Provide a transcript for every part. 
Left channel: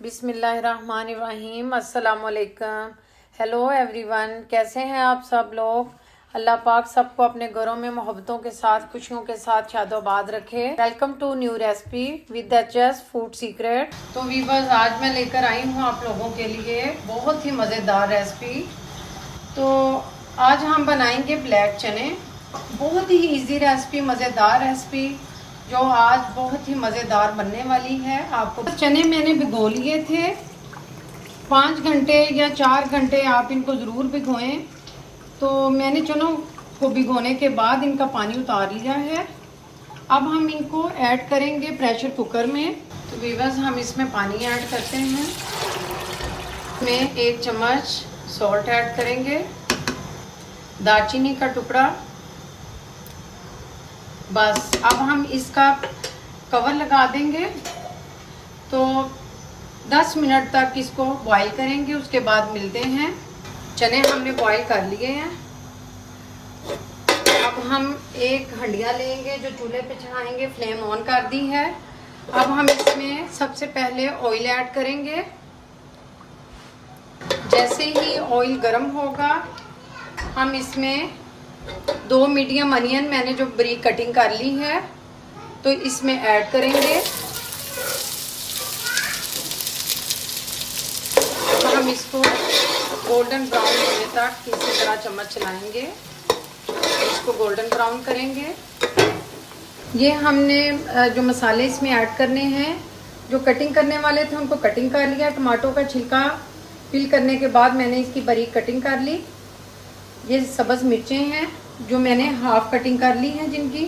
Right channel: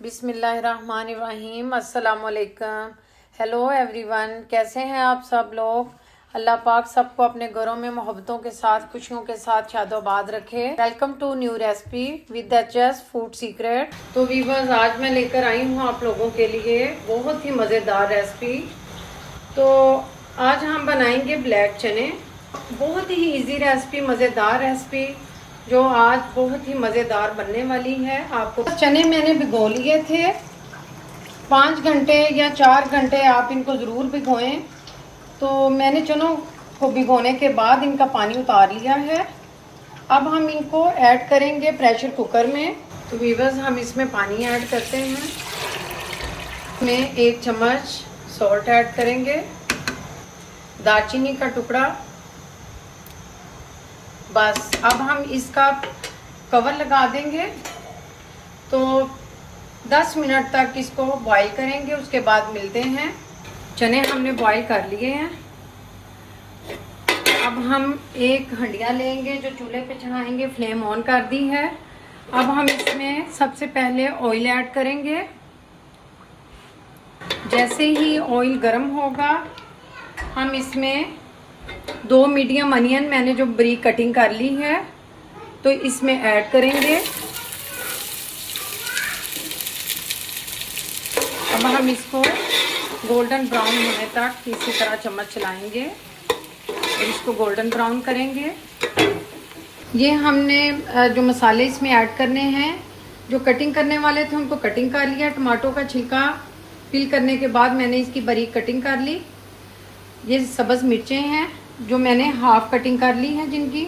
बिस्मिल्लाहिर्रहमानिर्रहीम। अस्सलाम वालेकुम। हेलो एवरीवन, कैसे हैं आप सब लोग। अल्लाह पाक सबको अपने घरों में मोहब्बतों के साथ, खुशियों के साथ शादोबाद रखे। Welcome to new recipe with HS food secret. तो वीवर्स, आज मैं लेकर आई हूँ आप लोगों के लिए बहुत ही मज़ेदार रेसिपी। तो आज हम बनाएंगे ब्लैक चने। बहुत ही इजी रेसिपी, मज़ेदार रेसिपी जो आज बहुत ही मज़ेदार बनने वाली है। आपको चने मैंने भिगो लिए थे 5 घंटे या 4 घंटे, आप इनको ज़रूर भिगोएं। तो मैंने चनों को भिगोने के बाद इनका पानी उतार लिया है। अब हम इनको ऐड करेंगे प्रेशर कुकर में। तो वीवर्स, हम इसमें पानी ऐड करते हैं। में 1 चम्मच सॉल्ट ऐड करेंगे, दालचीनी का टुकड़ा। बस अब हम इसका कवर लगा देंगे। तो 10 मिनट तक इसको बॉईल करेंगे, उसके बाद मिलते हैं। चने हमने बॉईल कर लिए हैं। अब हम एक हंडिया लेंगे जो चूल्हे पे चढ़ाएंगे, फ्लेम ऑन कर दी है। अब हम इसमें सबसे पहले ऑयल ऐड करेंगे। जैसे ही ऑयल गर्म होगा, हम इसमें 2 मीडियम अनियन मैंने जो बारीक कटिंग कर ली है तो इसमें ऐड करेंगे। अब हम इसको गोल्डन ब्राउन होने तक इसी तरह चम्मच चलाएंगे, इसको गोल्डन ब्राउन करेंगे। ये हमने जो मसाले इसमें ऐड करने हैं, जो कटिंग करने वाले थे उनको कटिंग कर लिया। टमाटो का छिलका पील करने के बाद मैंने इसकी बारीक कटिंग कर ली। ये सब्ज मिर्चें हैं जो मैंने हाफ कटिंग कर ली हैं जिनकी।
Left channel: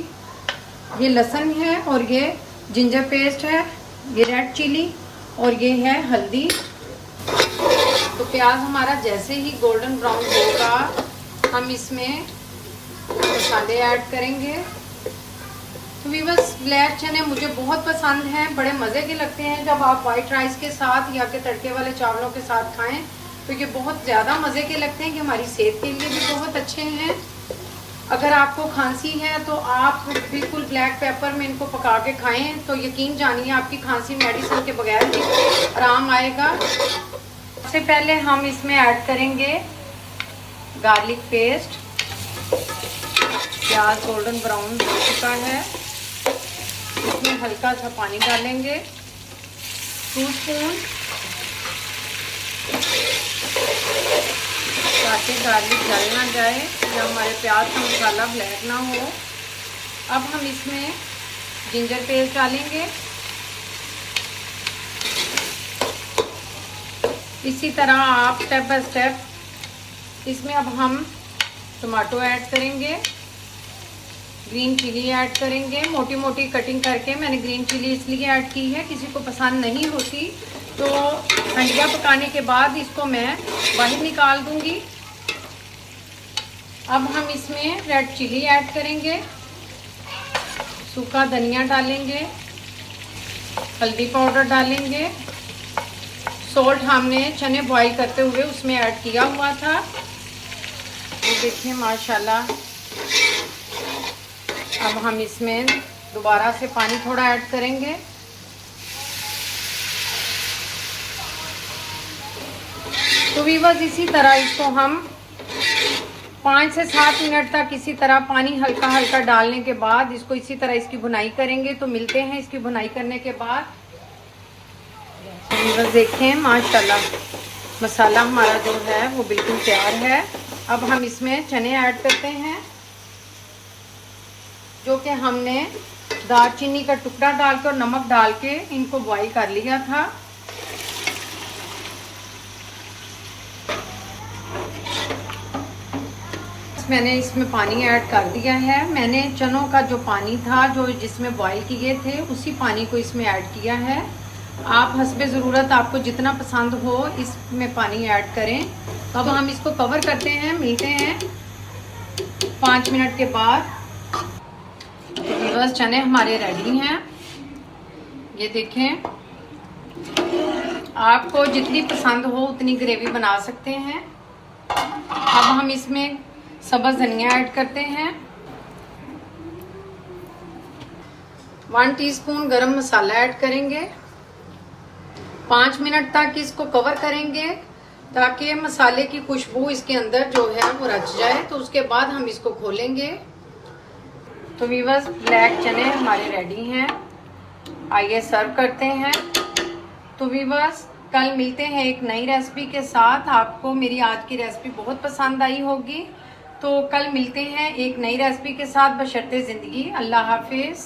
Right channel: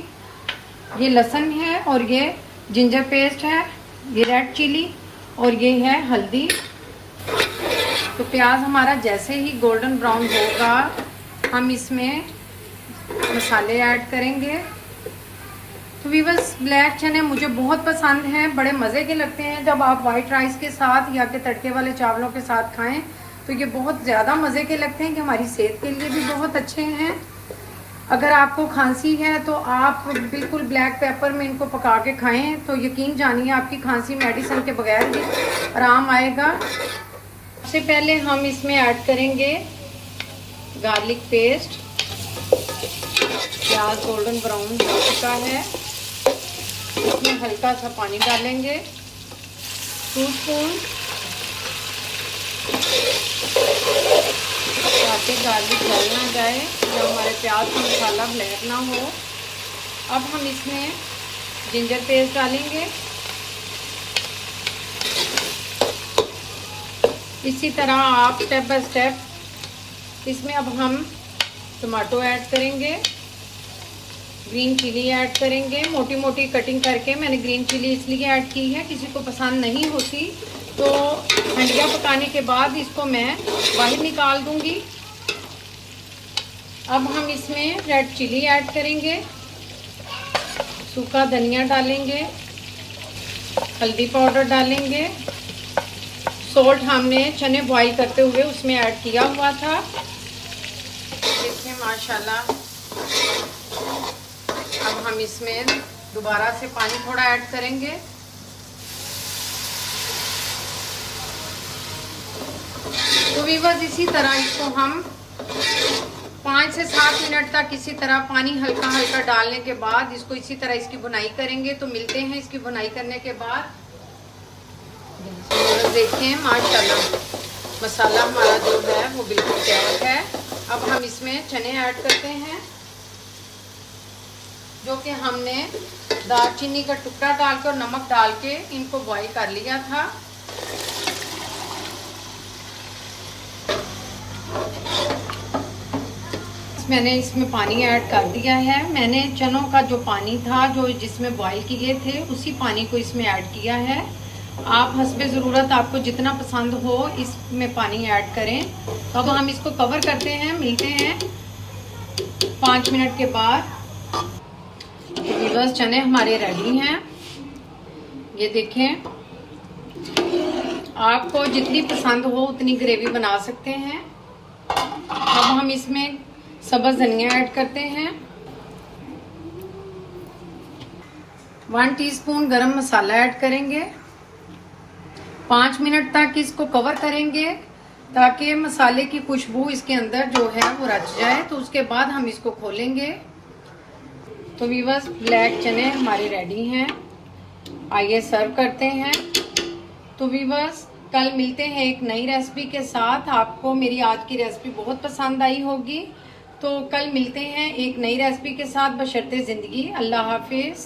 ये लहसुन है और ये जिंजर पेस्ट है, ये रेड चिली और ये है हल्दी। तो प्याज हमारा जैसे ही गोल्डन ब्राउन होगा, हम इसमें मसाले ऐड करेंगे। तो वीवर्स, ब्लैक चने मुझे बहुत पसंद हैं, बड़े मज़े के लगते हैं। जब आप वाइट राइस के साथ या फिर तड़के वाले चावलों के साथ खाएं तो ये बहुत ज़्यादा मज़े के लगते हैं कि हमारी सेहत के लिए भी बहुत अच्छे हैं। अगर आपको खांसी है तो आप बिल्कुल ब्लैक पेपर में इनको पका के खाएं, तो यकीन जानिए आपकी खांसी मेडिसिन के बगैर भी आराम आएगा। सबसे पहले हम इसमें ऐड करेंगे गार्लिक पेस्ट। प्याज गोल्डन ब्राउन हो चुका है, इसमें हल्का सा पानी डालेंगे, 2 स्पून, ताकि गार्लिक जल ना जाए या हमारे प्याज का मसाला ब्लैक ना हो। अब हम इसमें जिंजर पेस्ट डालेंगे। इसी तरह आप स्टेप बाय स्टेप इसमें अब हम टमाटो ऐड करेंगे, ग्रीन चिली ऐड करेंगे। मोटी मोटी कटिंग करके मैंने ग्रीन चिली इसलिए ऐड की है, किसी को पसंद नहीं होती तो हंडिया पकाने के बाद इसको मैं बाहर निकाल दूंगी। अब हम इसमें रेड चिली ऐड करेंगे, सूखा धनिया डालेंगे, हल्दी पाउडर डालेंगे। सॉल्ट हमने चने बॉईल करते हुए उसमें ऐड किया हुआ था। देखिए माशाल्लाह। अब हम इसमें दोबारा से पानी थोड़ा ऐड करेंगे। तो वीवर्स, इसी तरह इसको हम 5 से 7 मिनट तक इसी तरह पानी हल्का हल्का डालने के बाद इसको इसी तरह इसकी भुनाई करेंगे। तो मिलते हैं इसकी भुनाई करने के बाद। बस देखें माशाल्लाह, मसाला हमारा जो है वो बिल्कुल तैयार है। अब हम इसमें चने ऐड करते हैं जो कि हमने दालचीनी का टुकड़ा डाल के और नमक डाल के इनको बॉईल कर लिया था। मैंने इसमें पानी ऐड कर दिया है। मैंने चनों का जो पानी था जो जिसमें बॉईल किए थे उसी पानी को इसमें ऐड किया है। आप हस्बे ज़रूरत आपको जितना पसंद हो इसमें पानी ऐड करें। तो अब हम इसको कवर करते हैं, मिलते हैं 5 मिनट के बाद। बस चने हमारे रेडी हैं। ये देखें, आपको जितनी पसंद हो उतनी ग्रेवी बना सकते हैं। अब हम इसमें सब्ज़ धनिया ऐड करते हैं, 1 टीस्पून गरम मसाला ऐड करेंगे, 5 मिनट तक इसको कवर करेंगे ताकि मसाले की खुशबू इसके अंदर जो है वो रच जाए। तो उसके बाद हम इसको खोलेंगे। तो व्यूअर्स, ब्लैक चने हमारी रेडी हैं। आइए सर्व करते हैं। तो व्यूअर्स, कल मिलते हैं एक नई रेसिपी के साथ। आपको मेरी आज की रेसिपी बहुत पसंद आई होगी। तो कल मिलते हैं एक नई रेसिपी के साथ। बशर्ते जिंदगी। अल्लाह हाफिज।